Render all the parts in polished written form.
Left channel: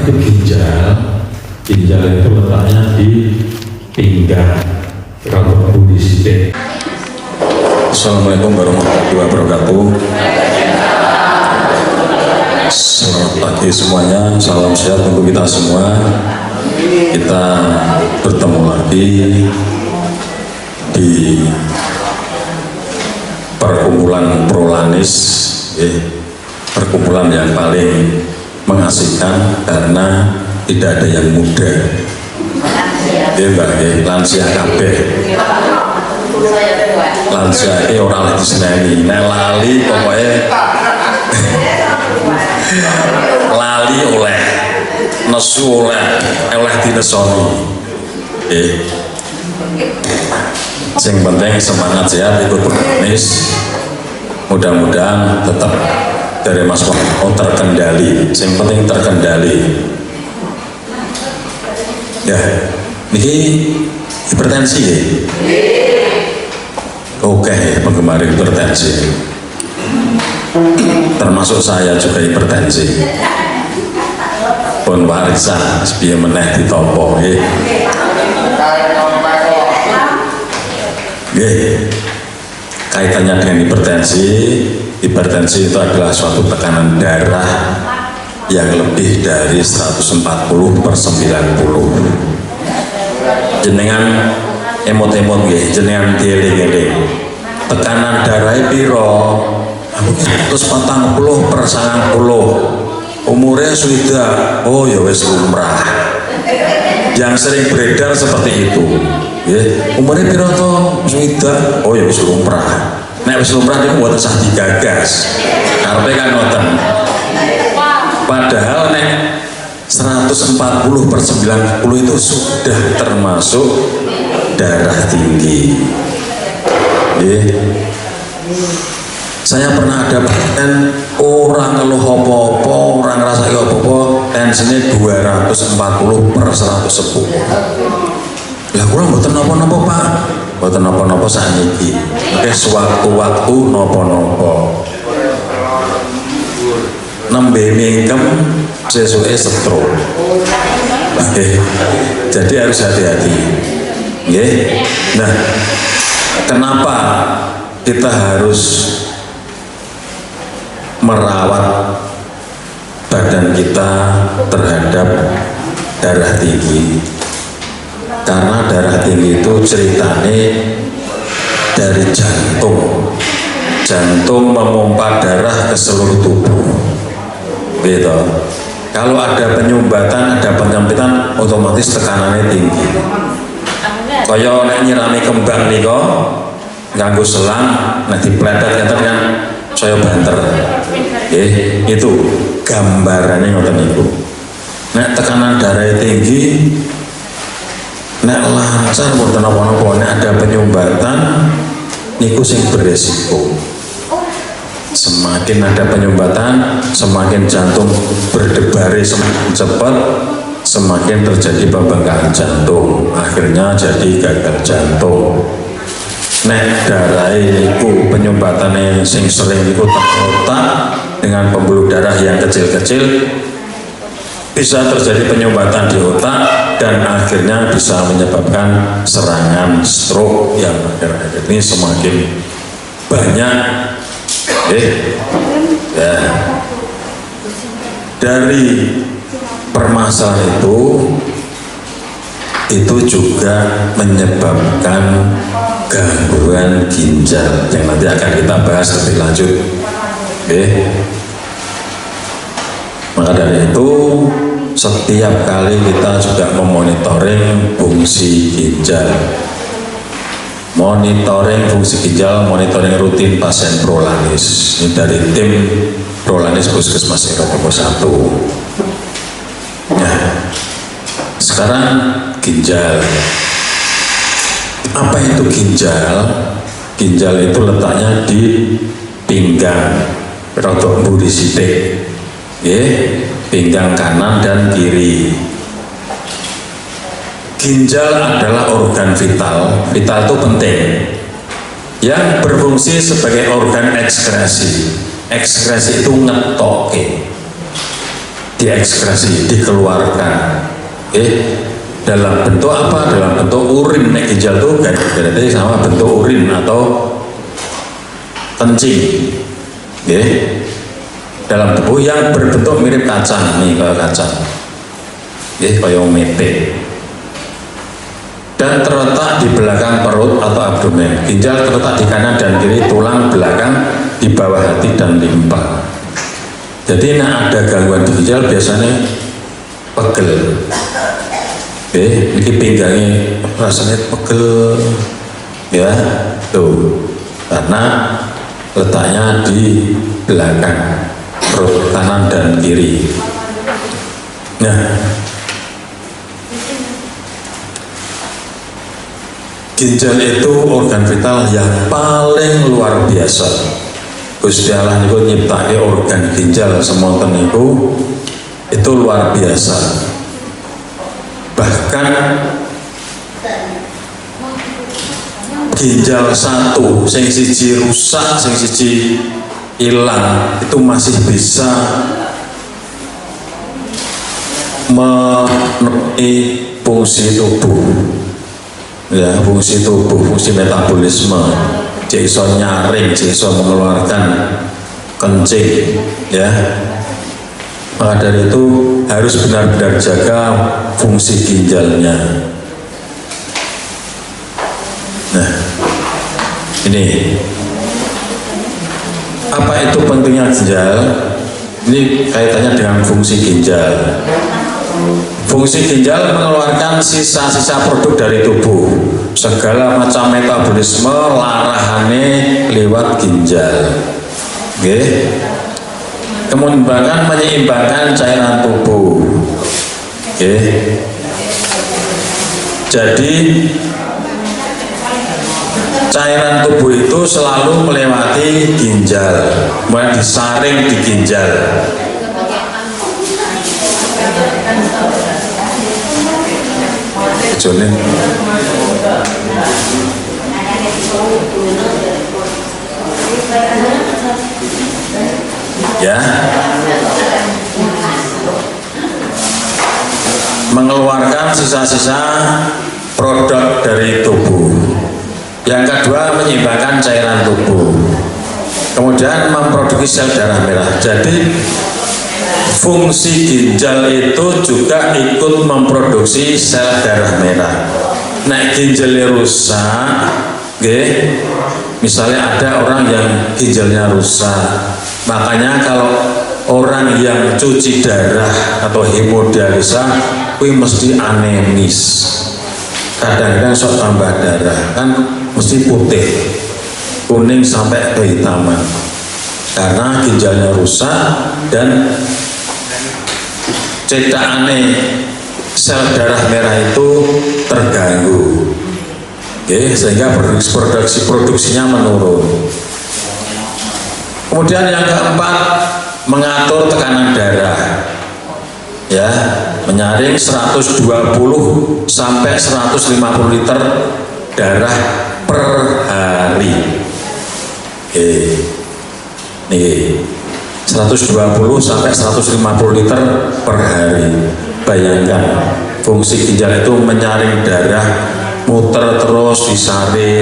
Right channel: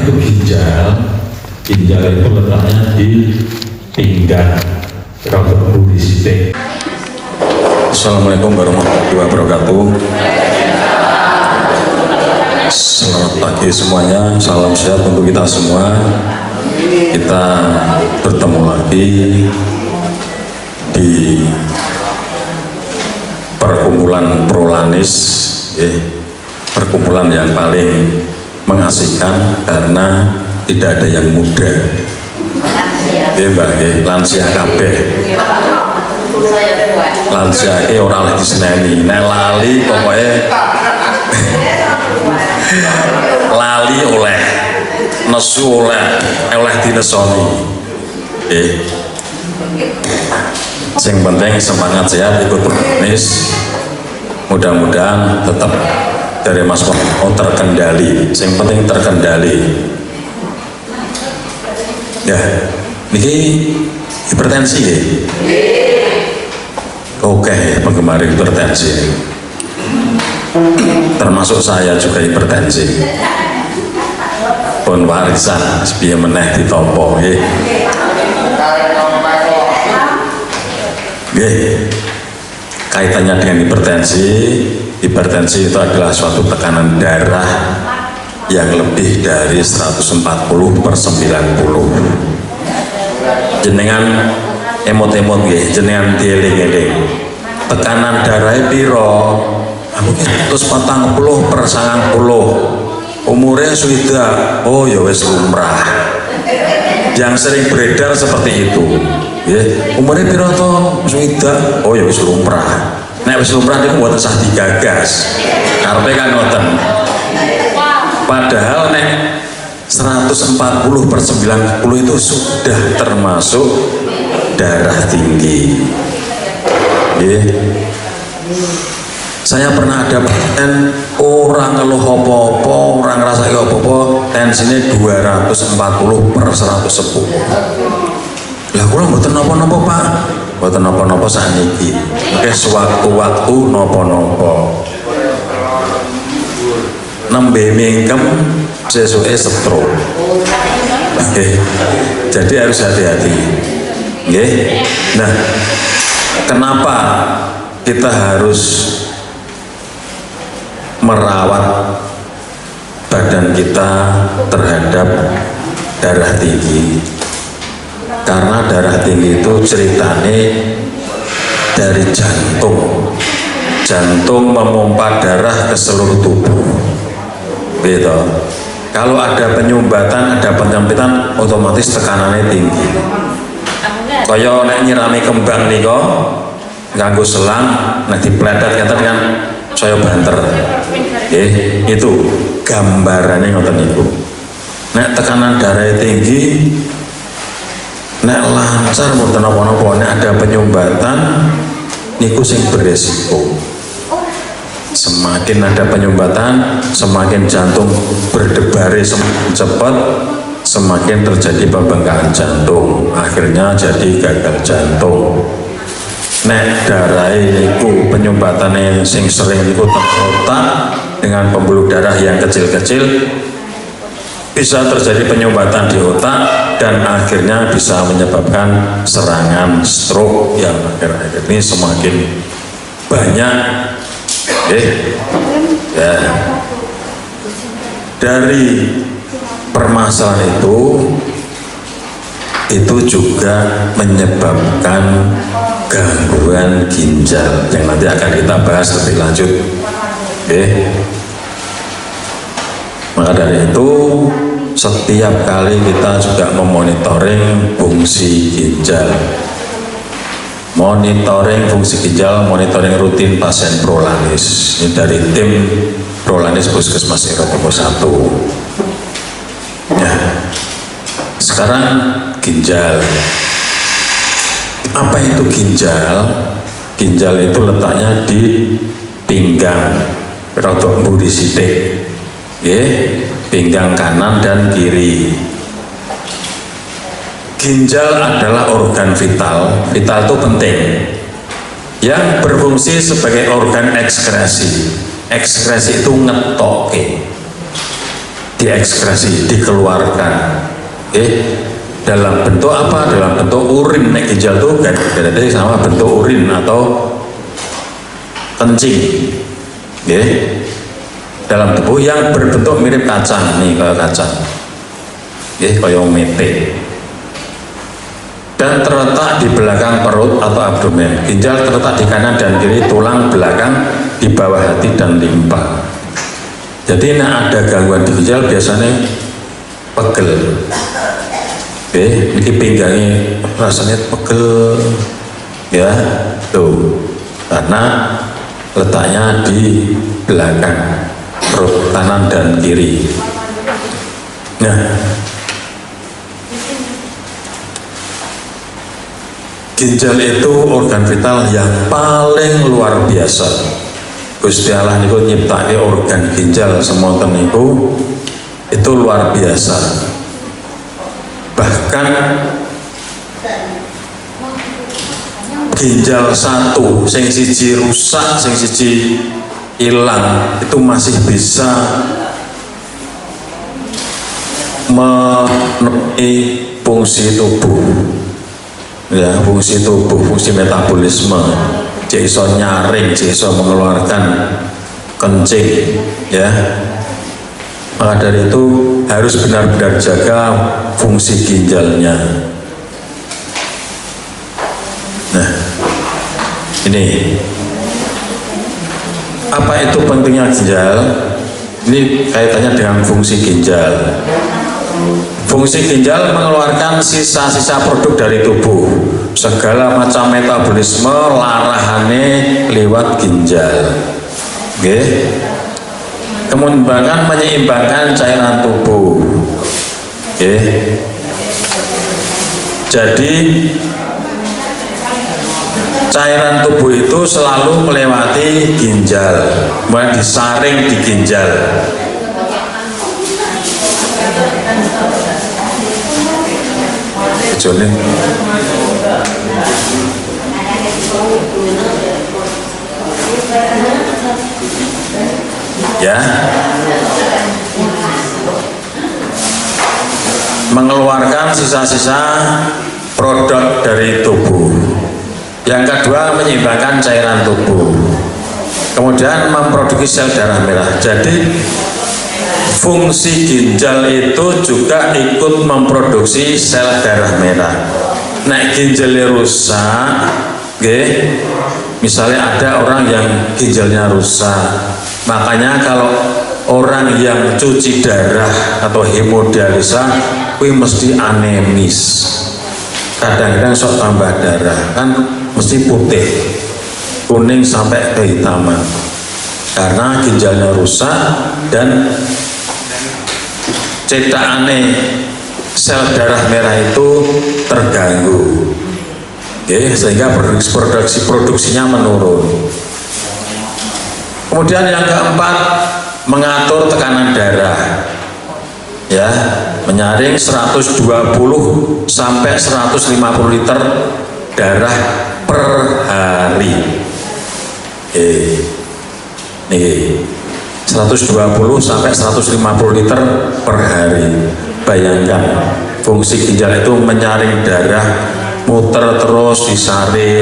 itu ginjal? Ginjal itu letaknya di pinggang, rambut budi sidik. Assalamualaikum warahmatullahi wabarakatuh. Selamat pagi semuanya, salam sehat untuk kita semua. Kita bertemu lagi di perkumpulan Prolanis, perkumpulan yang paling mengasihkan karena tidak ada yang muda. Lansia kabeh. Lansia ini orang lagi seneni, lali pokoknya lali oleh nesu oleh dinesoni. Yang penting semangat sehat ikut Prolanis. Mudah-mudahan tetap dari Mas Mono terkendali. Yang penting terkendali. Ya, ini hipertensi ya. Oke, penggemar hipertensi. Termasuk saya juga hipertensi. Pun warisan sepiye meneh ditampa nggih. Kaitannya dengan hipertensi. Hipertensi itu adalah suatu tekanan darah yang lebih dari 140/90. Jenengan emot-emot nggih, jenengan dieling-eling. Tekanan darahnya piro? 140/90. Umurnya sudah, oh ya wis lumrah. Yang sering beredar seperti itu. Umurnya piro toh? Sudah, oh ya wis lumrah. Nek wis lumrah niku mboten sah digagas. Karepe kan ngoten. Padahal nek 140/90 itu sudah termasuk darah tinggi. Saya pernah ada pasien orang ngeluh apa-apa, orang ngerasa apa-apa, tensinya 240/110. Lah kula mboten napa-napa Pak, mboten napa-napa sakniki. Sewaktu-waktu napa-napa. Nembe mingkem sesuke stroke. Jadi harus hati-hati. Nah, kenapa kita harus merawat badan kita terhadap darah tinggi? Karena darah tinggi itu ceritanya dari jantung. Jantung memompa darah ke seluruh tubuh. Gitu. Kalau ada penyumbatan, ada penyempitan, otomatis tekanannya tinggi. Kaya nek nyirami kembang nih kok, nganggo selang, nek dipletet kan saya banter. Itu gambarannya ngoten niku. Nek tekanan darah tinggi, nek lancar mboten napa-napa, nek ada penyumbatan niku sing beresiko. Semakin ada penyumbatan, semakin jantung berdebar semakin cepat, semakin terjadi pembengkakan jantung, akhirnya jadi gagal jantung. Nek darah itu penyumbatannya sing sering itu otak dengan pembuluh darah yang kecil-kecil, bisa terjadi penyumbatan di otak dan akhirnya bisa menyebabkan serangan stroke yang akhir-akhir ini semakin banyak. Ya. Dari permasalahan itu juga menyebabkan gangguan ginjal yang nanti akan kita bahas lebih lanjut. Maka dari itu setiap kali kita juga memonitoring fungsi ginjal. Monitoring fungsi ginjal, monitoring rutin pasien Prolanis. Ini dari tim Prolanis Puskesmas Eropa 1. Ya. Sekarang ginjal. Apa itu ginjal? Ginjal itu letaknya di pinggang, rodok mburi sithik. Pinggang kanan dan kiri. Ginjal adalah organ vital. Vital itu penting, yang berfungsi sebagai organ ekskresi. Ekskresi itu ngetoke. diekskresi, dikeluarkan. Dalam bentuk apa? Dalam bentuk urin. Nek ginjal itu berarti sama bentuk urin atau kencing. Dalam tubuh yang berbentuk mirip kacang, nih kayak kacang, kayak mete, dan terletak di belakang perut atau abdomen. Ginjal terletak di kanan dan kiri tulang belakang di bawah hati dan limpa. Jadi nek ada gangguan di ginjal biasanya pegel. Ini pinggangnya rasanya pegel, ya, tuh, karena letaknya di belakang perut kanan dan kiri. Nah, ginjal itu organ vital yang paling luar biasa. Gusti Allah niku nyiptake organ ginjal semonten niku itu luar biasa. Bahkan ginjal satu, sing siji rusak, sing siji hilang, itu masih bisa memenuhi fungsi tubuh, ya, fungsi tubuh, fungsi metabolisme. Dia iso nyaring, dia iso mengeluarkan kencing, ya. Maka dari itu harus benar-benar jaga fungsi ginjalnya. Nah, ini apa itu pentingnya ginjal? Ini kaitannya dengan fungsi ginjal. Fungsi ginjal mengeluarkan sisa-sisa produk dari tubuh. Segala macam metabolisme larahane lewat ginjal. Menyeimbangkan cairan tubuh. Jadi cairan tubuh itu selalu melewati ginjal, kemudian disaring di ginjal. Ya, mengeluarkan sisa-sisa produk dari tubuh. Yang kedua, menyeimbangkan cairan tubuh. Kemudian memproduksi sel darah merah. Jadi fungsi ginjal itu juga ikut memproduksi sel darah merah. Nah, ginjalnya rusak, misalnya ada orang yang ginjalnya rusak, makanya kalau orang yang cuci darah atau hemodialisa, kuwi mesti anemis. Kadang-kadang sok tambah darah, kan mesti putih, kuning sampai kehitaman, karena ginjalnya rusak dan cetakane sel darah merah itu terganggu, sehingga produksinya menurun. Kemudian yang keempat, mengatur tekanan darah, ya, menyaring 120 sampai 150 liter darah per hari. Nih, 120 sampai 150 liter per hari. Bayangkan, fungsi ginjal itu menyaring darah, muter terus disaring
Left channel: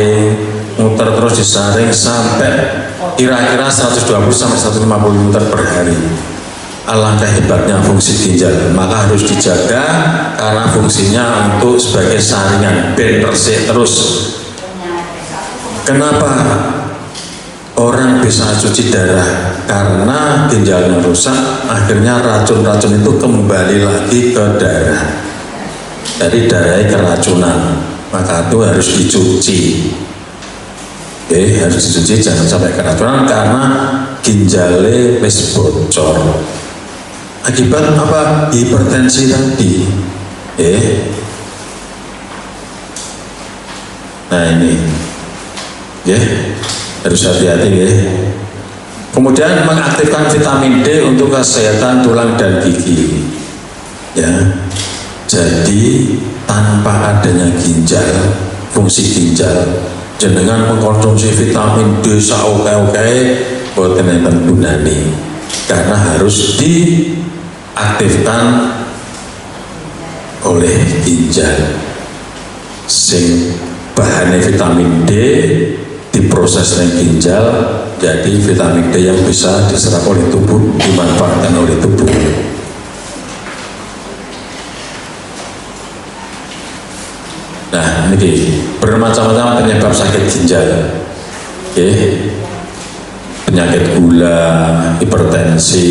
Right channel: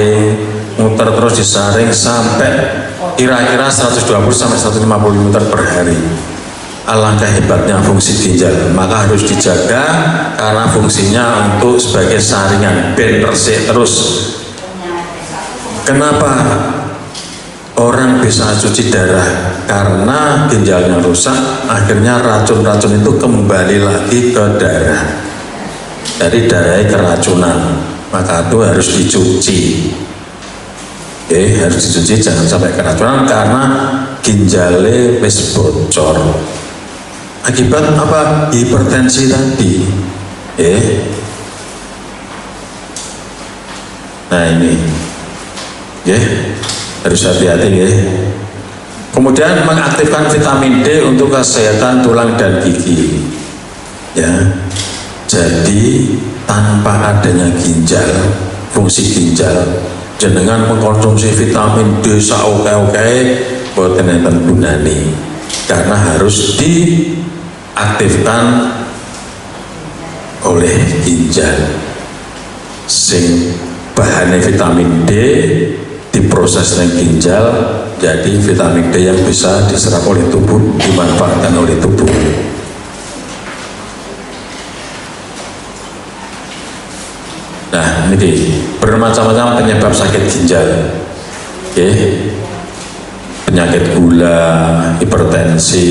sampai kira-kira 120 sampai 150 liter per hari. Alangkah hebatnya fungsi ginjal, maka harus dijaga karena fungsinya untuk sebagai saringan, ben resik terus. Kenapa orang bisa cuci darah? Karena ginjalnya rusak, akhirnya racun-racun itu kembali lagi ke darah. Jadi darahnya keracunan, maka itu harus dicuci. Harus dicuci, jangan sampai keracunan karena ginjalnya wis bocor. Akibat apa? Hipertensi tadi. Nah ini, harus hati-hati, Kemudian mengaktifkan vitamin D untuk kesehatan tulang dan gigi. Ya, jadi tanpa adanya ginjal, fungsi ginjal, jenengan mengkonsumsi vitamin D saoke-oke boten enten gunane, karena harus di diaktifkan oleh ginjal, sing bahannya vitamin D diproses dengan ginjal jadi vitamin D yang bisa diserap oleh tubuh, dimanfaatkan oleh tubuh. Nah, ini bermacam-macam penyebab sakit ginjal. Oke. Penyakit gula, hipertensi,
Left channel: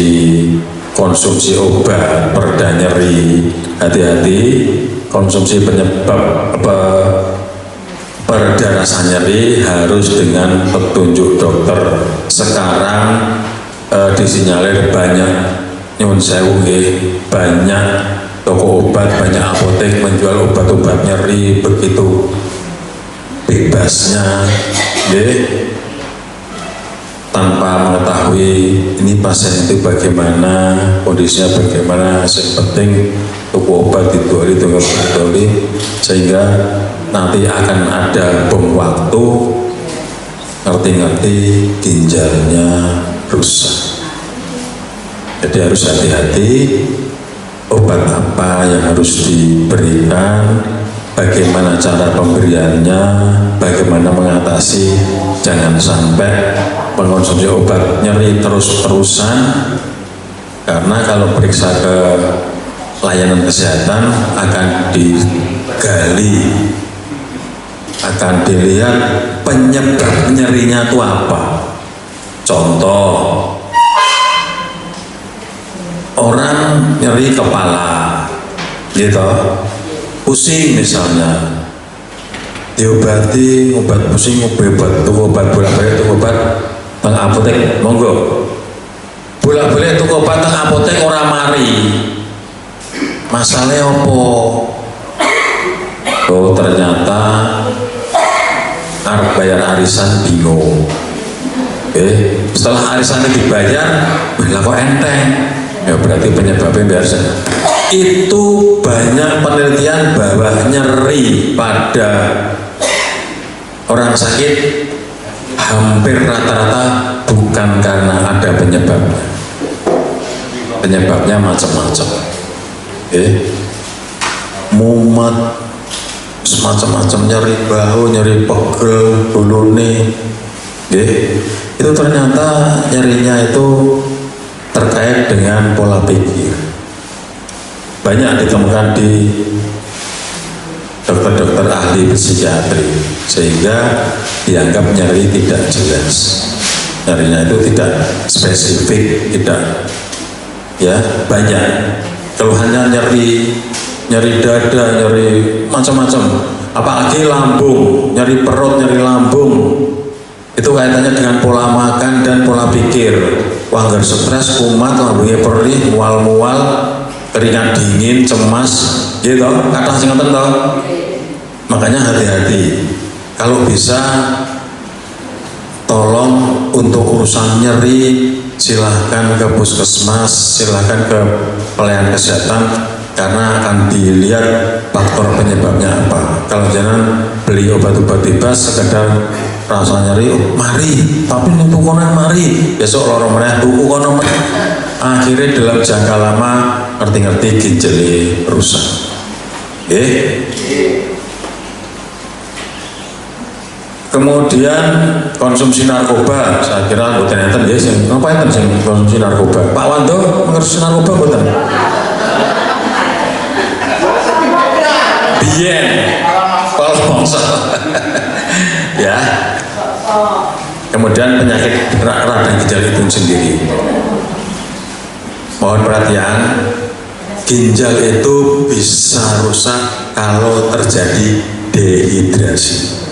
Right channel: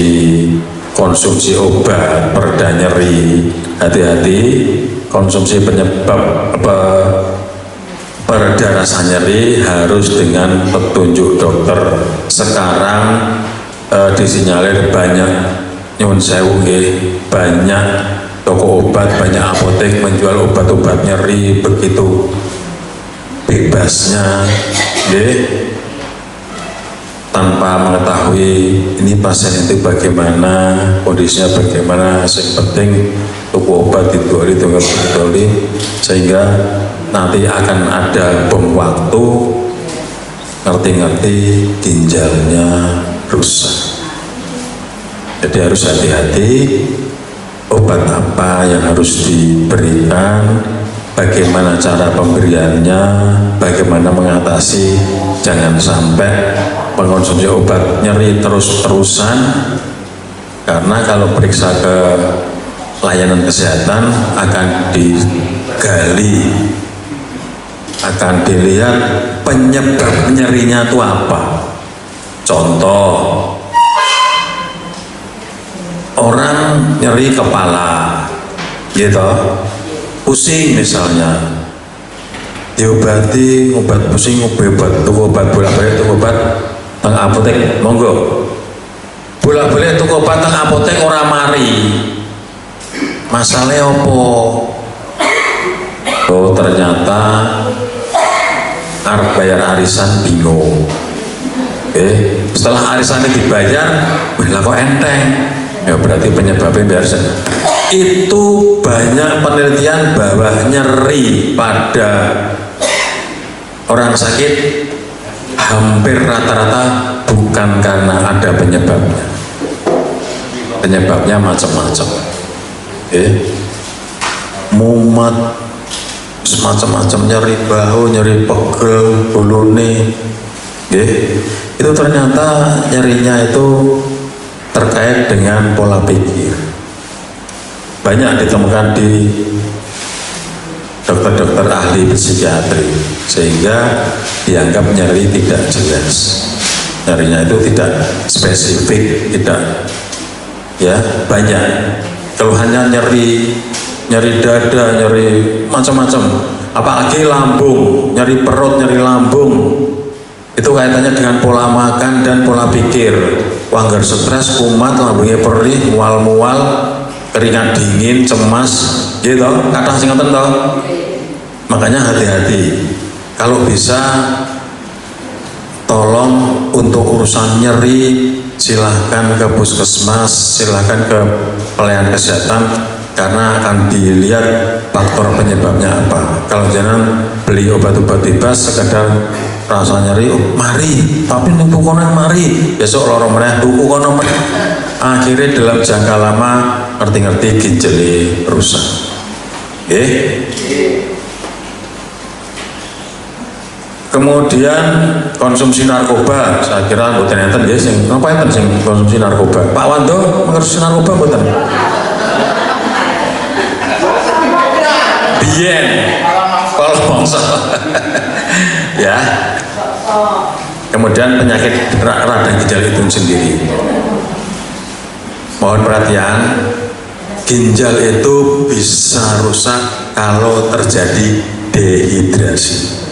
konsumsi obat pereda nyeri. Hati-hati, konsumsi penyebab pereda rasa nyeri harus dengan petunjuk dokter. Sekarang disinyalir banyak nyuwun sewu banyak toko obat, banyak apotek menjual obat-obat nyeri begitu bebasnya, tanpa mengetahui ini pasien itu bagaimana, kondisinya bagaimana. Yang penting toko obat didoli, sehingga nanti akan ada bom waktu ngerti-ngerti ginjalnya rusak. Jadi harus hati-hati obat apa yang harus diberikan, bagaimana cara pemberiannya, bagaimana mengatasi. Jangan sampai mengonsumsi obat nyeri terus-terusan, karena kalau periksa ke layanan kesehatan akan digali, akan dilihat penyebab nyerinya itu apa. Contoh, orang nyeri kepala gitu, pusing misalnya, diobati obat pusing, obat bolak-balik obat teng apotek, monggo bolak-balik tuku obat teng apotek ora mari. Masalahnya opo? Oh, ternyata arep bayar arisan bingung. Setelah arisannya dibayar, lah kok enteng. Ya berarti penyebabnya biasa. Itu banyak penelitian bahwa nyeri pada orang sakit hampir rata-rata bukan karena ada penyebabnya. Penyebabnya macam-macam. Mumet, semacam-macam, nyeri bahu, nyeri pegel, bulune. Itu ternyata nyerinya itu terkait dengan pola pikir. Banyak ditemukan di dokter-dokter ahli psikiatri, sehingga dianggap nyeri tidak jelas. Nyerinya itu tidak spesifik, tidak banyak. Keluhannya nyeri dada, nyeri macam-macam. Apalagi lambung, nyeri perut, nyeri lambung. Itu kaitannya dengan pola makan dan pola pikir. Wangger stres, kumat, lambungnya perih, mual-mual, keringat dingin, cemas, gitu. Kata sing ngoten to. Makanya hati-hati. Kalau bisa tolong untuk urusan nyeri silahkan ke puskesmas, silahkan ke pelayanan kesehatan, karena akan dilihat faktor penyebabnya apa. Kalau jangan beli obat-obat bebas sekedar rasa nyeri, mari, tapi ning tukonan mari, besok loro meneh tuku kono meneh. Akhirnya dalam jangka lama ngerti-ngerti ginjali rusak. Kemudian konsumsi narkoba, saya kira mboten enten ya sing ngapain sing konsumsi narkoba. Pak Wando mengkonsumsi narkoba mboten? Biyen kalau bangsa ya. Kemudian penyakit radang ginjal itu sendiri. Mohon perhatian, ginjal itu bisa rusak kalau terjadi dehidrasi.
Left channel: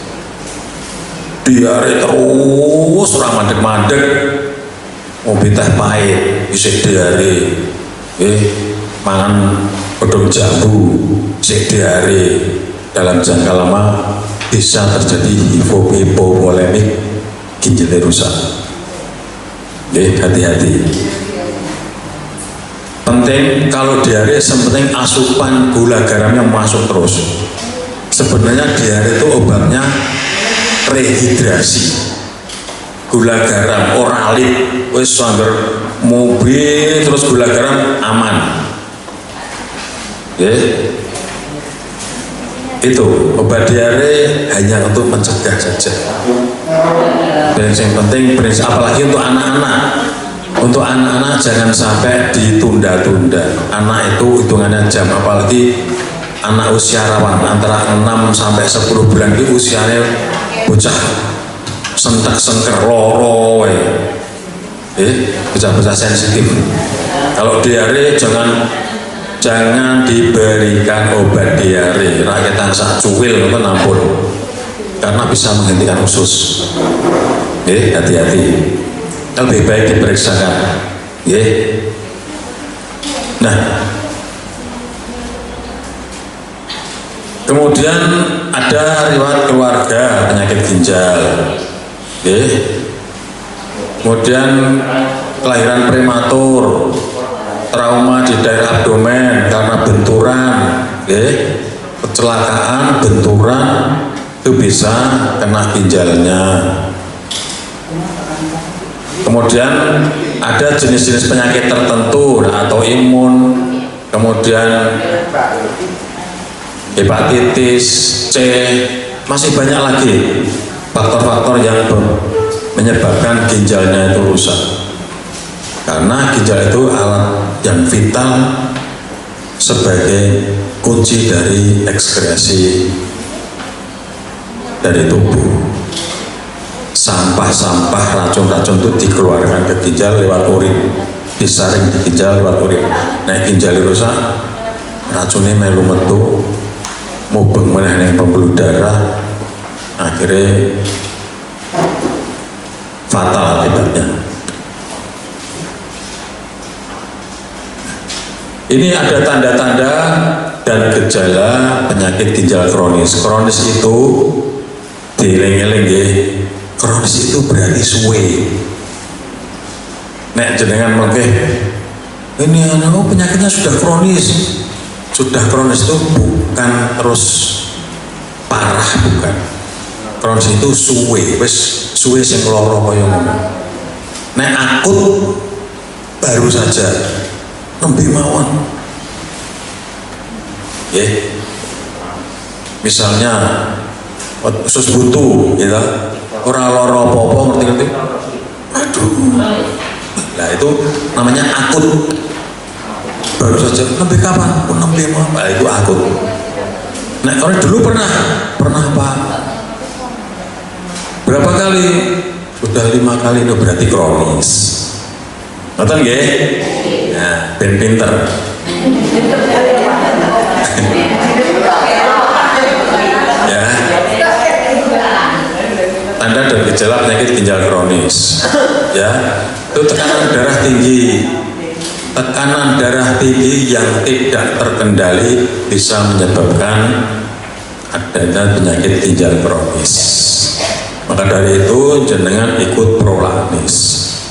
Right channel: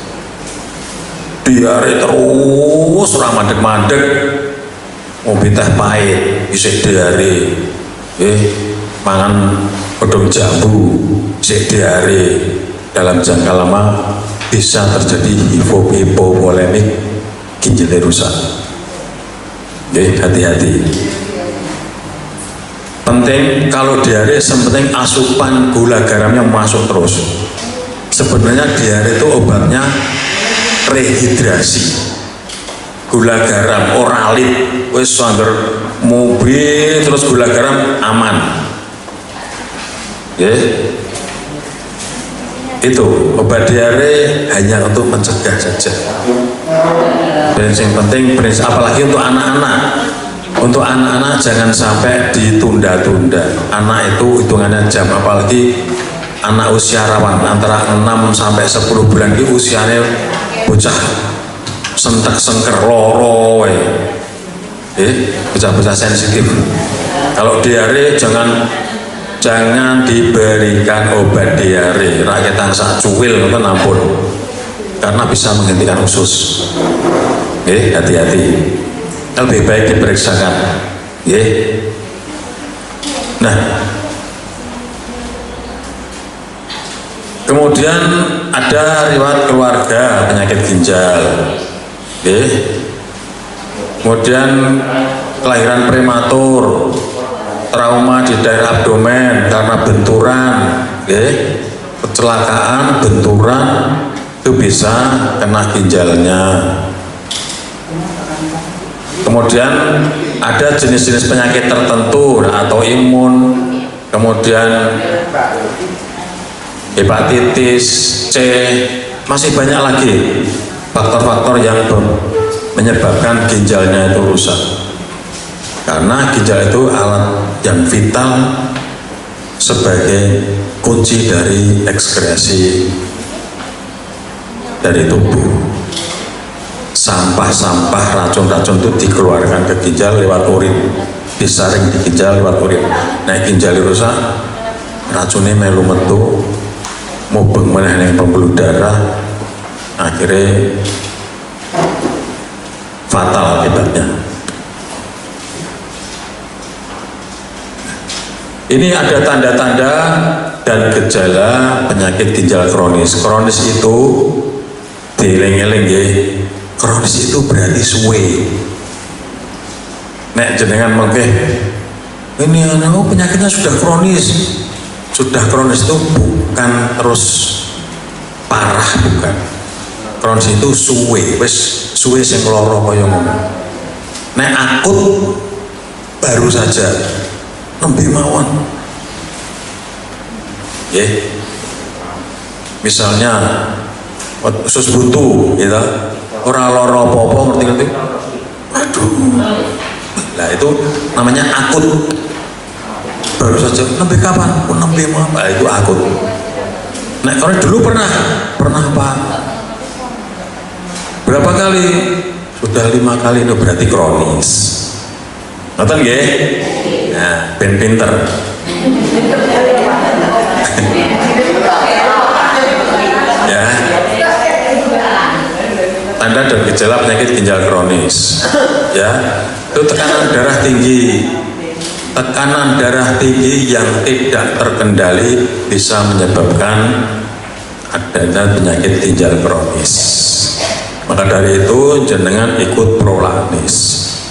Diare terus ora mandek-mandek, ngombe teh pahit, isih diare. Mangan godhong jambu, isih diare. Dalam jangka lama bisa terjadi hipovolemik, ginjalnya rusak. Hati-hati. Penting kalau diare, sepenting asupan gula garamnya masuk terus. Sebenarnya diare itu obatnya rehidrasi. Gula garam oralit, wis anggar mobil terus gula garam aman. Nggih. Itu obat diare hanya untuk mencegah saja. Dan yang penting prinsip, apalagi untuk anak-anak. Untuk anak-anak jangan sampai ditunda-tunda. Anak itu hitungannya jam, apalagi anak usia rawan antara 6 sampai 10 bulan itu usianya bocah sentak sengker loro bocah-bocah sensitif. Kalau diare jangan diberikan obat diare, rakyat tangsa cuwil itu nampun, karena bisa menghentikan usus. Hati-hati, lebih baik diperiksakan. Nah, kemudian ada riwayat keluarga penyakit ginjal. Kemudian kelahiran prematur, trauma di daerah abdomen karena benturan, kecelakaan, benturan, itu bisa kena ginjalnya. Kemudian ada jenis-jenis penyakit tertentu atau imun, kemudian hepatitis C, masih banyak lagi faktor-faktor yang menyebabkan ginjalnya itu rusak. Karena ginjal itu alat yang vital sebagai kunci dari ekskresi dari tubuh. Sampah-sampah, racun-racun itu dikeluarkan ke ginjal lewat urin, disaring di ginjal lewat urin. Nah, ginjal rusak, racunnya melu metu, mubeng meneh ning pembuluh darah, akhirnya fatal akibatnya. Ini ada tanda-tanda dan gejala penyakit ginjal kronis. Kronis itu dieling-eling nggih. Kronis itu berarti suwe. Nek jenengan mengke ini penyakitnya sudah kronis. Sudah kronis itu bukan terus parah, bukan. Kronis itu suwe, wis suwe sing lara kaya ngono. Nek akut baru saja nembe mawon. Misalnya usus buntu gitu. Ora lara apa-apa, ngerti-ngerti. Aduh. Nah, itu namanya akut. Baru saja nembe kapan? Nembe mawon. Nah, itu akut. Nah, kalau dulu pernah Pak. Berapa kali? Sudah 5 kali, itu berarti kronis. Ngerti nggih? Nah, ben pinter. Ya. Tanda dan gejala penyakit ginjal kronis. Ya, itu tekanan darah tinggi. Tekanan darah tinggi yang tidak terkendali bisa menyebabkan adanya penyakit ginjal kronis. Maka dari itu jenengan ikut prolaktis,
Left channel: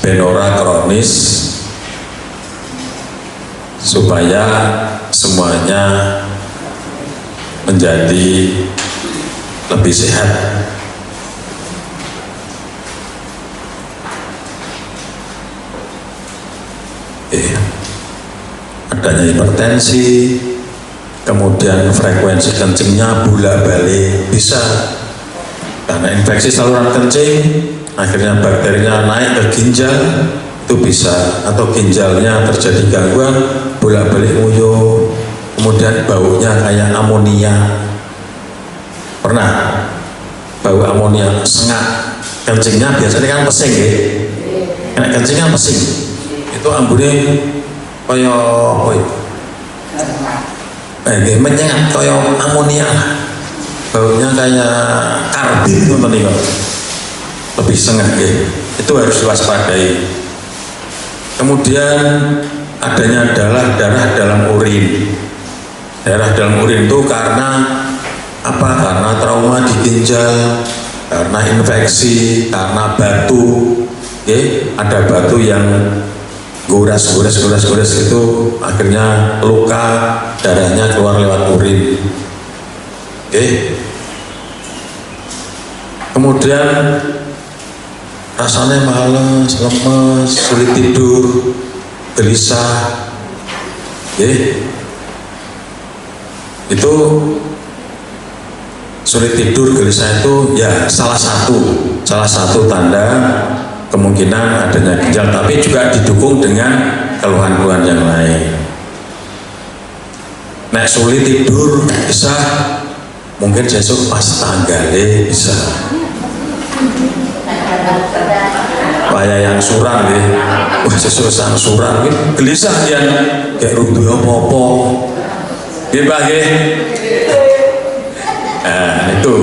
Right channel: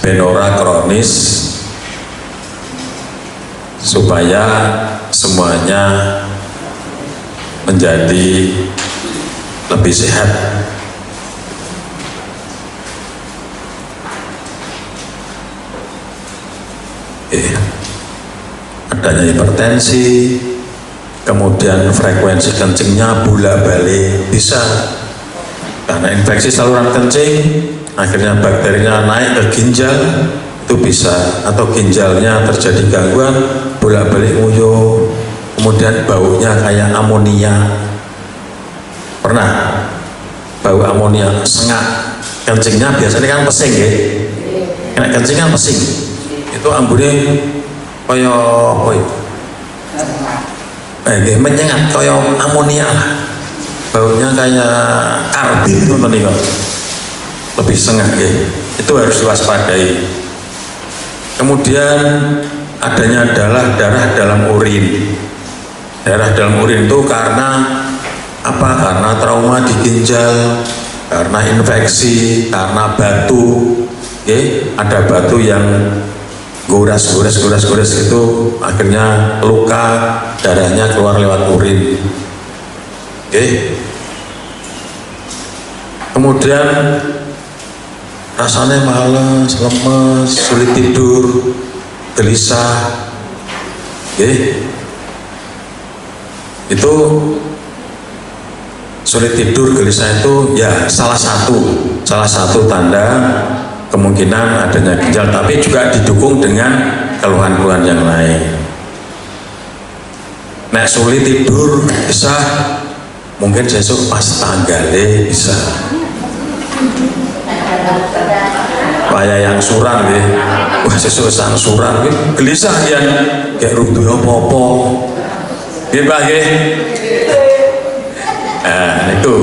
benora kronis, supaya semuanya menjadi lebih sehat. Adanya hipertensi, kemudian frekuensi kencingnya bolak-balik bisa karena infeksi saluran kencing, akhirnya bakterinya naik ke ginjal, itu bisa. Atau ginjalnya terjadi gangguan, bolak-balik nguyuh, kemudian baunya kayak amonia. Pernah bau amonia, sengak, kencingnya biasanya kan pesing ya, kena kencing kan pesing, itu ambune kaya menyengat kaya amonia lah, baunya kayak karbit ngoten niku, lebih sengak ya. Itu harus diwaspadai. Kemudian adanya darah dalam urin. Darah dalam urin itu karena apa? Karena trauma di ginjal, karena infeksi, karena batu. Ada batu yang gores itu akhirnya luka, darahnya keluar lewat urin. Kemudian rasanya malas, lemes, sulit tidur, gelisah. itu sulit tidur, gelisah itu ya salah satu tanda kemungkinan adanya ginjal, tapi juga didukung dengan keluhan-keluhan yang lain. Nek sulit tidur bisa mungkin besok pas tanggale bisa kaya yang suran deh, wah sesuk sang suran gelisah dia kayak runtuh apa-apa nggih Pak nggih. Nah itu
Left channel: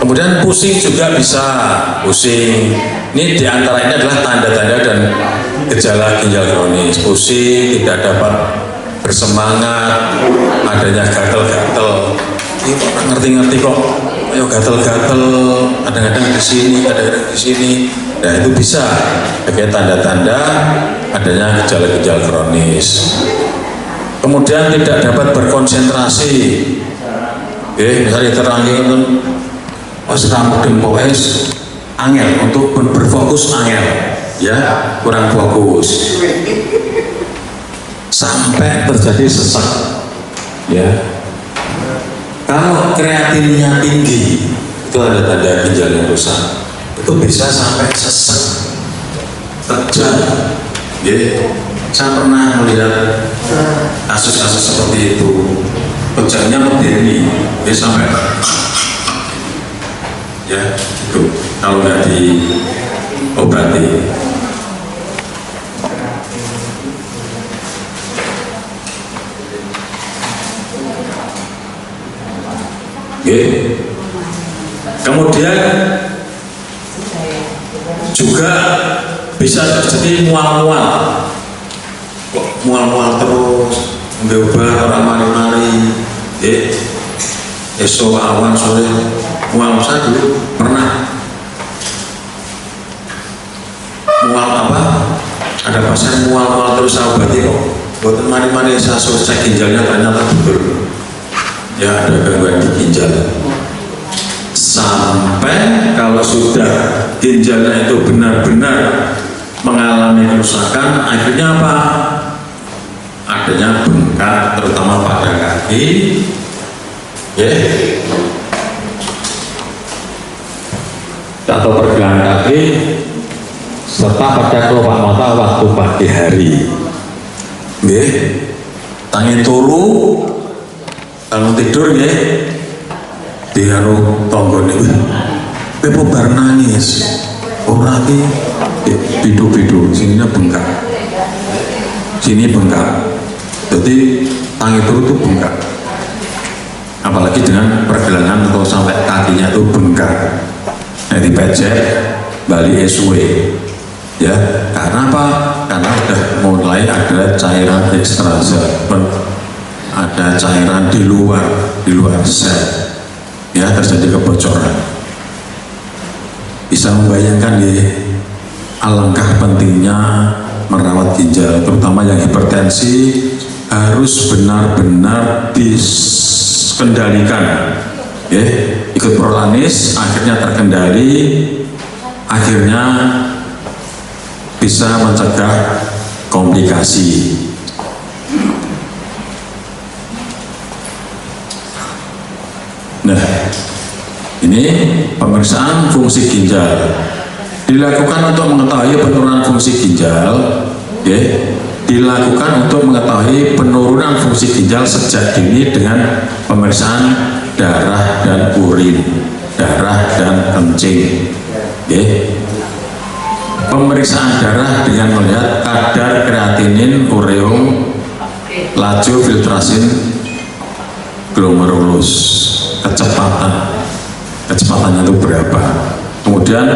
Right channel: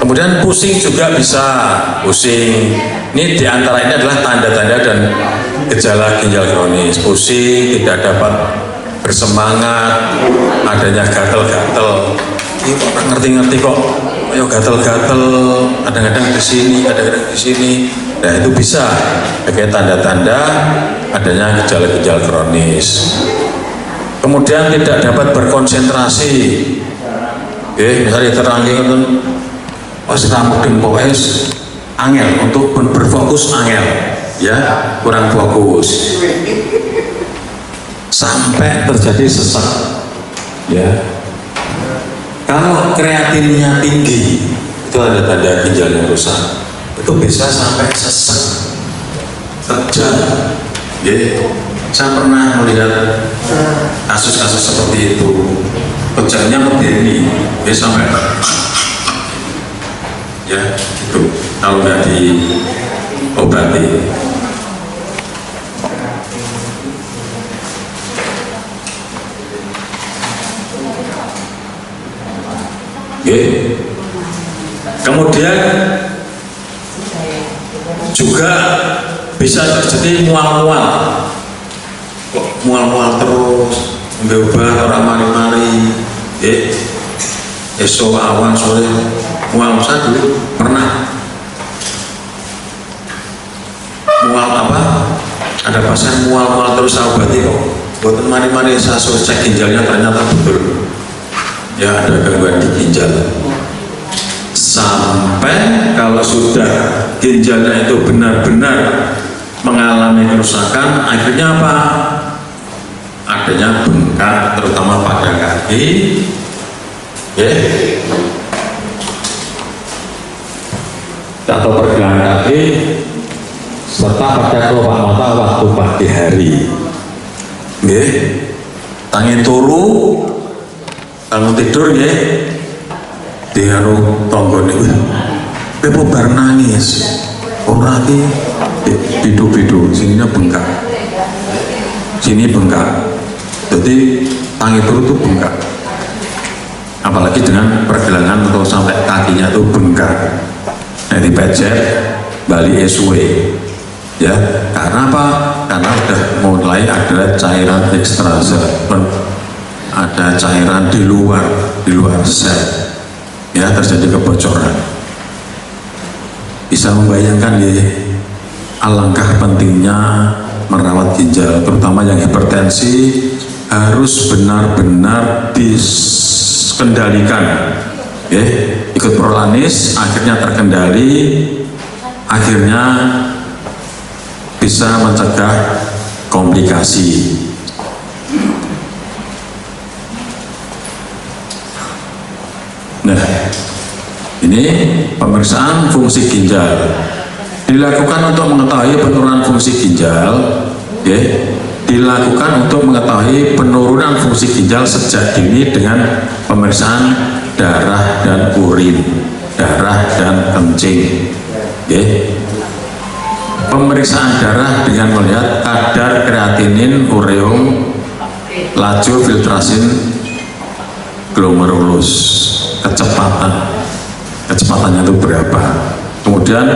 kemudian pusing juga bisa, pusing ini diantara ini adalah tanda-tanda dan gejala ginjal kronis. Pusing, tidak dapat bersemangat, adanya gatel-gatel, ini kok ngerti-ngerti kok ayo gatel-gatel, kadang-kadang di sini, kadang-kadang di sini. Nah itu bisa sebagai tanda-tanda adanya gejala-gejala kronis. Kemudian tidak dapat berkonsentrasi, misalnya terangin pas kamu dempokes angel untuk berfokus, angel ya kurang fokus sampai terjadi sesak ya. Kalau kreatinnya tinggi itu ada tanda ginjal yang rusak, itu bisa sampai sesak terjang ya. Saya pernah melihat kasus-kasus seperti itu, kejangnya berdiri dia sampai ya itu kalau nggak diobati. Kemudian juga bisa terjadi mual-mual, kok mual-mual terus, nggak orang mari-mari, esok awan sore mual. Saya dulu pernah mual apa? Ada pasien mual-mual terus saya obati kok. Buat mari-mari saya suruh cek ginjalnya ternyata betul. Ya ada gangguan di ginjal. Sampai kalau sudah ginjalnya itu benar-benar mengalami kerusakan, akhirnya apa? Adanya bengkak terutama pada kaki, atau pergelangan kaki, serta pada kelopak mata waktu pagi hari. Tangi turu, bangun tidur diaruh tonggone pepo bar nangis ora ki bidu-bidu sininya bengkak, sini bengkak, jadi tangi turu itu bengkak, apalagi dengan pergelangan atau sampai kakinya itu bengkak. Nah dipecet bali esue ya, karena apa? Karena udah mulai ada cairan ekstraselulern, ada cairan di luar sel ya, terjadi kebocoran. Bisa membayangkan alangkah pentingnya merawat ginjal, terutama yang hipertensi harus benar-benar dikendalikan ikut prolanis, akhirnya terkendali, akhirnya bisa mencegah komplikasi. Nah, ini pemeriksaan fungsi ginjal dilakukan untuk mengetahui penurunan fungsi ginjal, dilakukan untuk mengetahui penurunan fungsi ginjal sejak dini dengan pemeriksaan darah dan urin, darah dan kencing. Pemeriksaan darah dengan melihat kadar kreatinin, ureum, laju filtrasin glomerulus, kecepatannya itu berapa, kemudian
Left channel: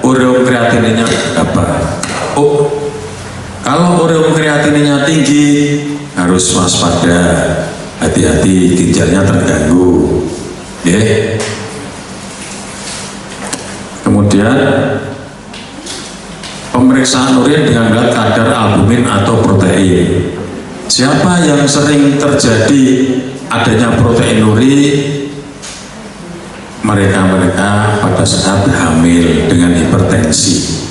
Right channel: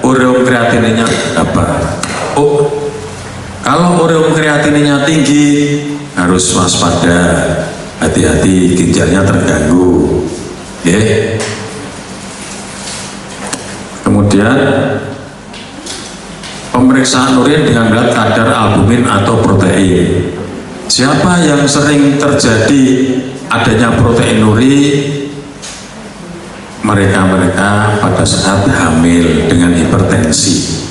ureum kreatininnya berapa. Kalau ureum kreatininnya tinggi harus waspada, hati-hati ginjalnya terganggu. Kemudian pemeriksaan urin dengan melihat kadar albumin atau protein. Siapa yang sering terjadi adanya proteinuri? Mereka-mereka pada saat hamil dengan hipertensi.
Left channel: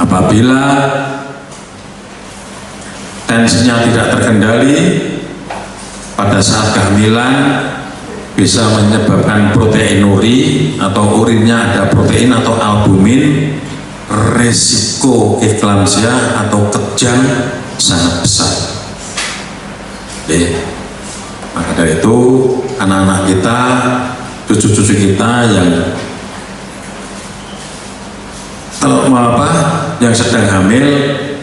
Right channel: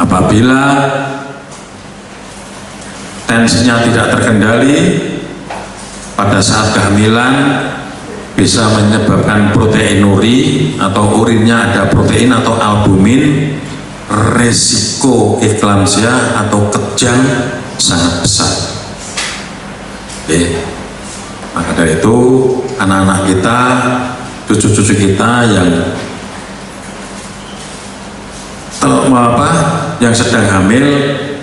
Apabila tensinya tidak terkendali, pada saat kehamilan bisa menyebabkan proteinuri atau urinnya ada protein atau albumin, resiko eklamsia atau kejang sangat besar. Oke. Maka dari itu anak-anak kita, cucu-cucu kita yang yang sedang hamil,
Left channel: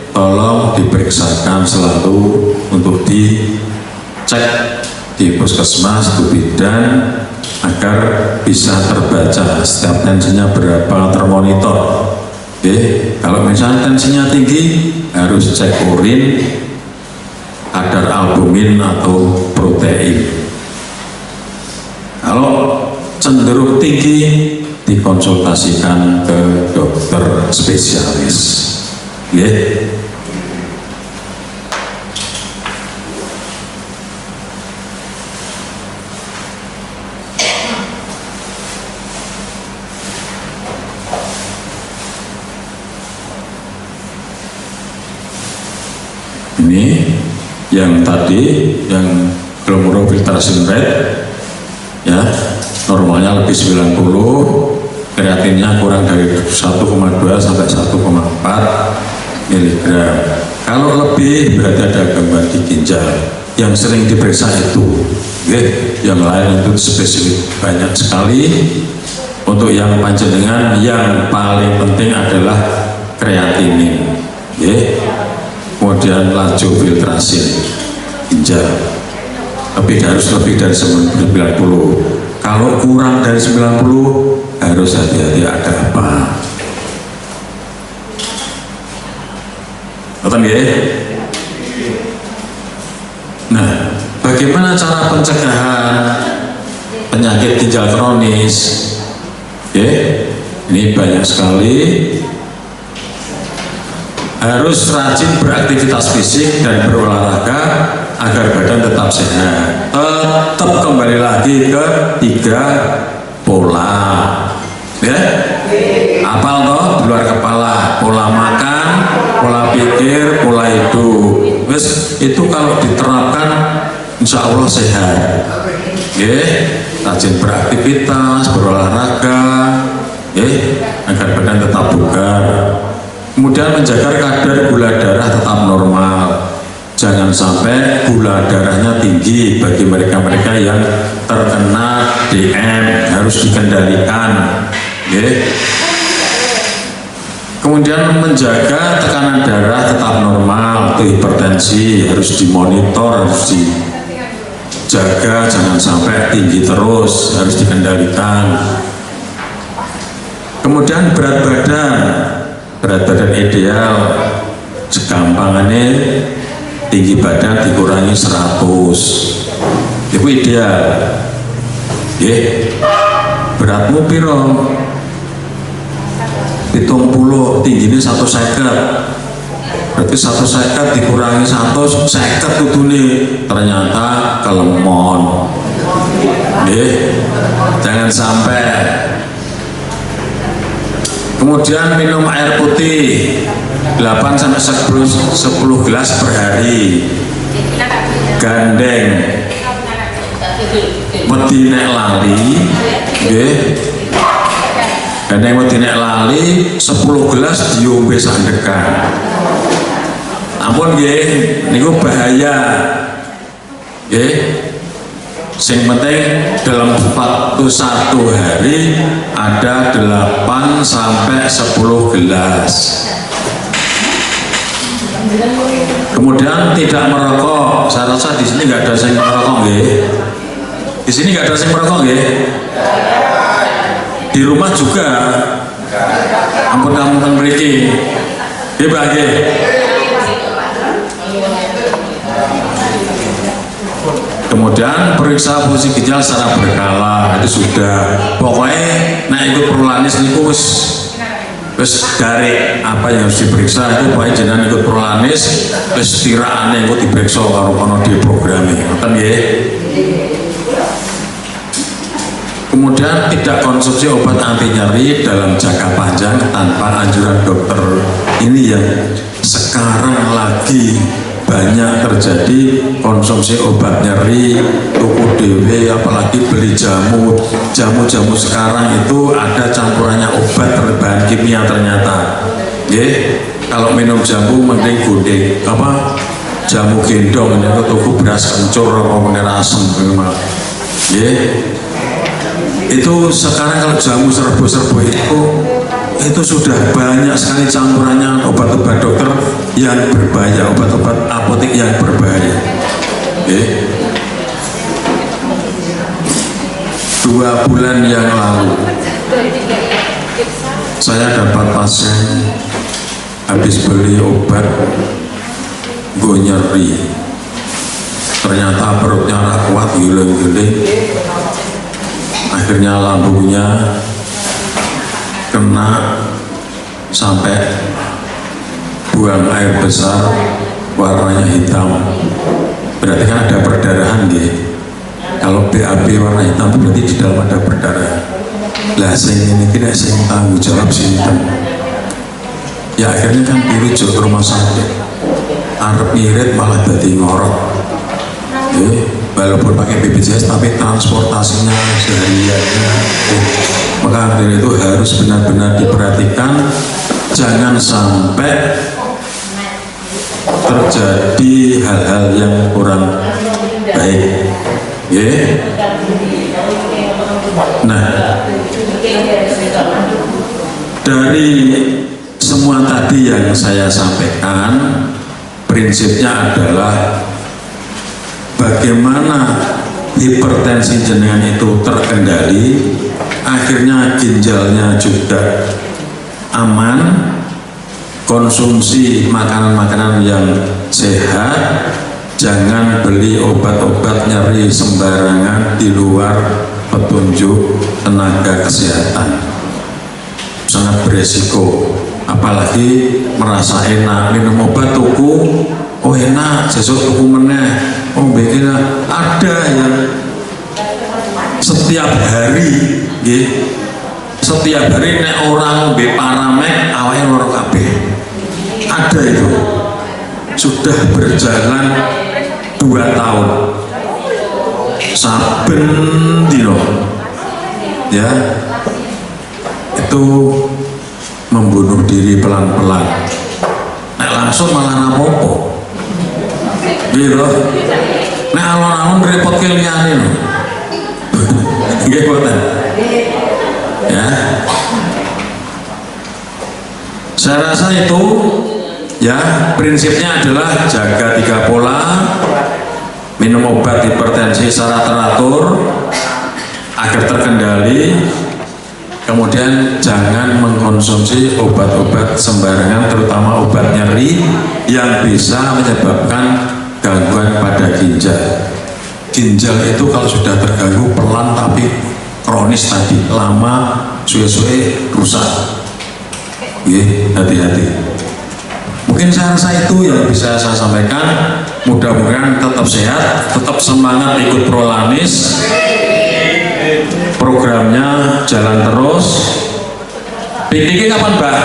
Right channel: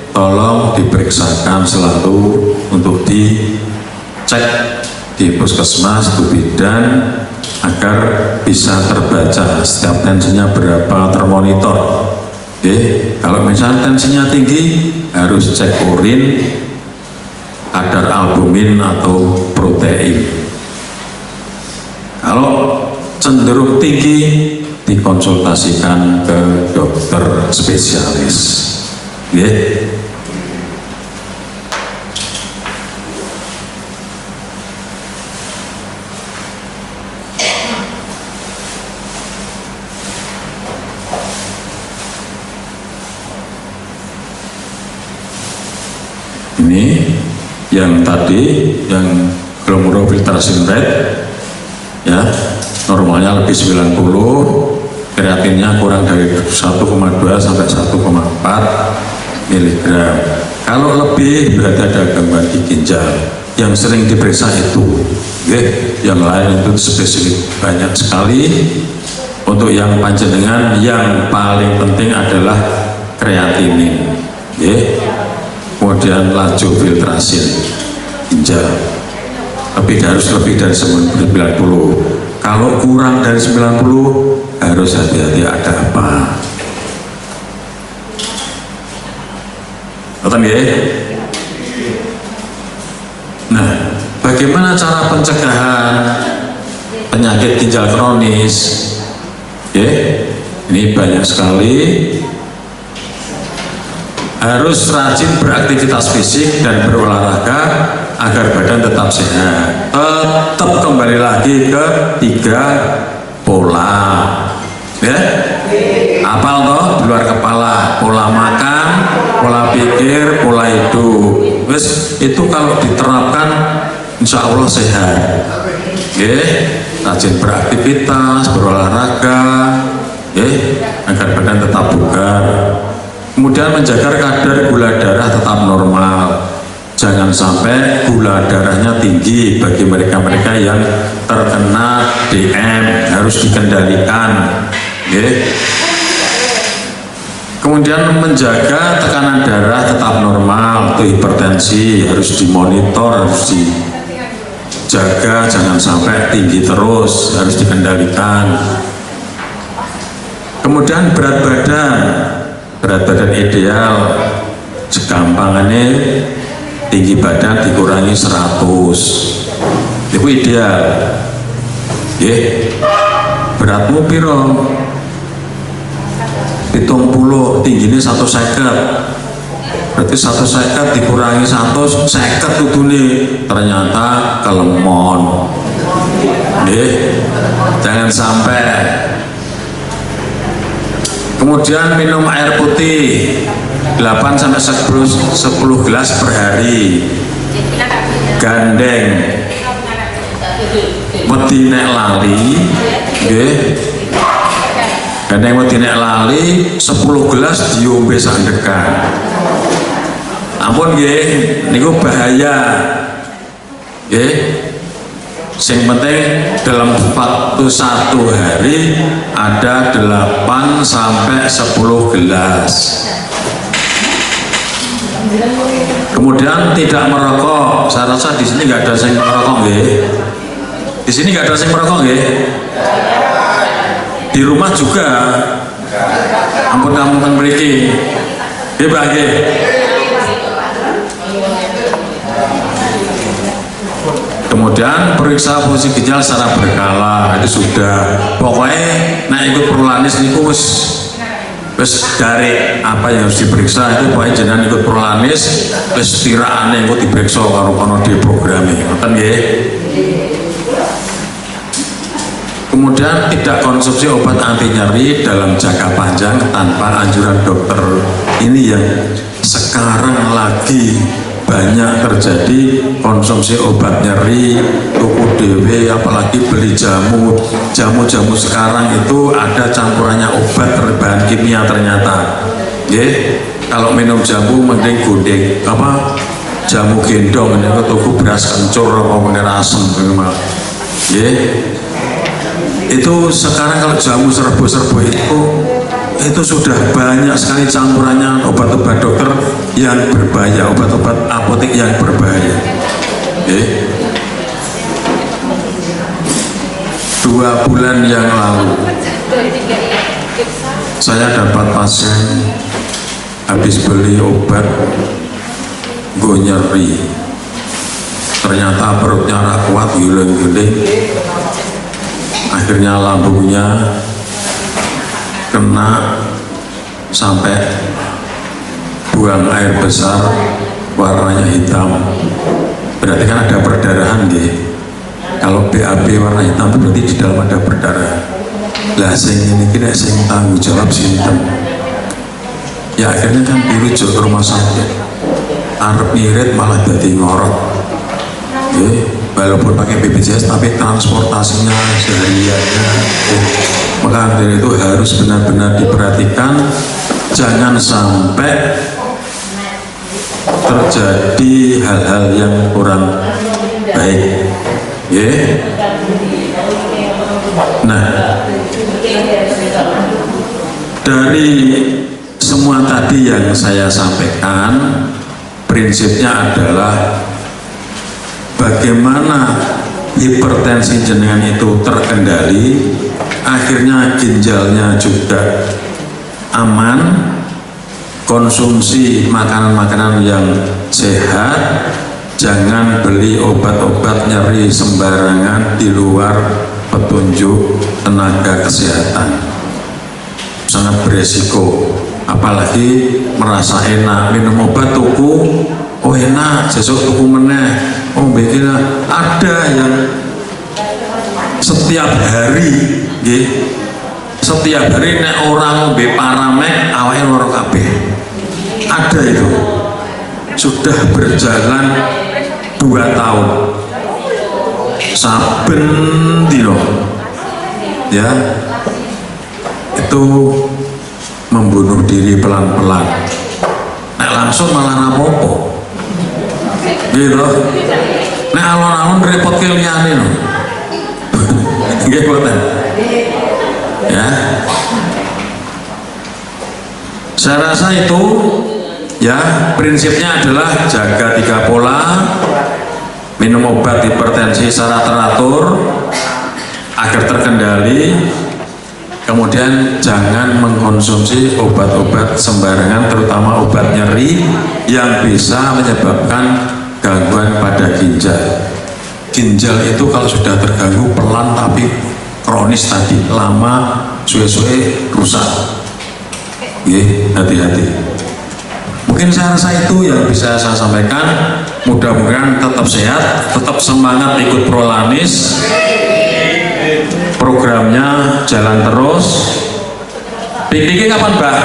tolong diperiksakan selalu untuk dicek di puskesmas, di bidan, agar bisa terbaca setiap tensinya berapa, termonitor. Oke, kalau misalnya tensinya tinggi harus cek urin, kadar albumin atau protein. Kalau cenderung tinggi, dikonsultasikan ke dokter spesialis. Ya. Ini yang tadi yang glomerular filtration rate ya, normalnya lebih 90, kreatinnya kurang dari 1,2 sampai 1,4 mg. Kalau lebih berarti ada gangguan di ginjal. Yang sering diperiksa itu, yang lain itu spesifik banyak sekali. Untuk yang panjenengan yang paling penting adalah kreatinin, kemudian laju filtrasi ginjal harus lebih dari 90. Kalau kurang dari 90 harus hati-hati, ada apa. Betul ya? Nah, bagaimana cara pencegahan penyakit ginjal kronis? Ini banyak sekali. Harus rajin beraktivitas fisik dan berolahraga agar badan tetap sehat. Tetap kembali lagi ke 3 pola. Ya, apal toh di luar kepala, pola makan, pola pikir, pola hidup. Itu kalau diterapkan insya Allah sehat. Rajin beraktivitas, berolahraga, agar badan tetap bugar. Kemudian menjaga kadar gula darah tetap normal. Jangan sampai gula darahnya tinggi. Bagi mereka-mereka yang terkena DM harus dikendalikan. Kemudian menjaga tekanan darah tetap normal. Itu hipertensi harus dimonitor, harus dijaga, jangan sampai tinggi terus, harus dikendalikan. Kemudian berat badan ideal, segampangannya tinggi badan dikurangi 100, itu ideal. Beratmu piro? 70, tingginya 150, berarti 150 dikurangi 150 kudune, ternyata kelemon. Jangan sampai. Kemudian minum air putih 8 sampai 10 gelas per hari. Gandeng wedi nek lali, gandeng wedi nek lali 10 gelas diombe sandekan. Ampun nggih, niku bahaya. Yang penting dalam waktu 1 hari ada 8 sampai 10 gelas. Kemudian tidak merokok. Saya rasa di sini nggak ada yang merokok, nggih. Di sini nggak ada yang merokok, nggih. Di rumah juga. Ampun kamu memiliki. Nggih. Kemudian periksa fungsi ginjal secara berkala, itu sudah. Pokoknya nah ikut prolanis niku wis dari apa yang harus diperiksa itu pokoknya jenengan ikut prolanis, wis tiraane engko diperiksa karo kono di programe. Ngoten nggih. Kemudian tidak konsumsi obat anti nyeri dalam jangka panjang tanpa anjuran dokter. Ini yang sekarang lagi banyak terjadi konsumsi obat nyeri, tuku dewe, apalagi beli jamu sekarang itu ada campurannya obat berbahan kimia ternyata. Kalau minum jamu mending gunding jamu gendong ini tuku beras kencur apa asem memang. Itu sekarang kalau jamu serbu-serbu itu sudah banyak sekali campurannya obat-obat dokter yang berbahaya, obat-obat apotek yang berbahaya. 2 bulan yang lalu saya dapat pasien habis beli obat gue nyeri, ternyata perutnya rak kuat, giling-giling, akhirnya lambungnya kena sampai buang air besar warnanya hitam, berarti kan ada perdarahan gitu. Kalau BAB warna hitam itu berarti di dalam ada perdarahan. Lah ini kira sing tanggung jawab sinten. Ya akhirnya kan dirujuk ke rumah sakit, arep ngirit malah jadi ngorok. Walaupun pakai BPJS tapi transportasinya sehariannya, maka dari itu harus benar-benar diperhatikan, jangan sampai terjadi hal-hal yang kurang baik. Nah, dari semua tadi yang saya sampaikan, prinsipnya adalah bagaimana hipertensi jenengan itu terkendali, akhirnya ginjalnya juga aman, konsumsi makanan-makanan yang sehat, jangan beli obat-obat nyeri sembarangan di luar petunjuk tenaga kesehatan, sangat beresiko. Apalagi merasa enak minum obat tuku, oh enak, sesuk tuku meneh, oh begini. Ada yang setiap hari nek orang be paramek awake loro kabeh. Ada itu sudah berjalan 2 tahun saben dino ya, itu membunuh diri pelan-pelan. Nek langsung malah rapopo gitu. Nek alon-alon repot ke liyane lho. Nggih boten. Ya. Saya rasa itu ya prinsipnya adalah jaga 3 pola, minum obat hipertensi secara teratur agar terkendali, kemudian jangan mengkonsumsi obat-obat sembarangan, terutama obat nyeri yang bisa menyebabkan gangguan pada ginjal. Ginjal itu kalau sudah terganggu pelan tapi kronis tadi, lama suwe-suwe rusak. Hati-hati. Mungkin saya rasa itu yang bisa saya sampaikan. Mudah-mudahan tetap sehat, tetap semangat ikut Prolanis. Programnya jalan terus. Pikniknya kapan, Mbak?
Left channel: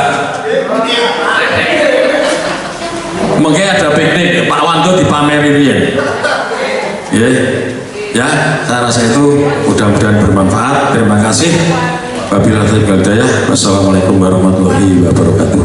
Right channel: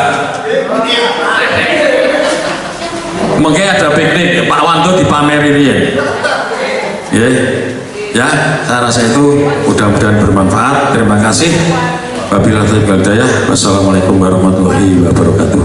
Mungkin ada piknik Pak Wanto dipamerin ya, saya rasa itu mudah-mudahan bermanfaat. Terima kasih. Wabillahi taufiq wal hidayah. Wassalamualaikum warahmatullahi wabarakatuh.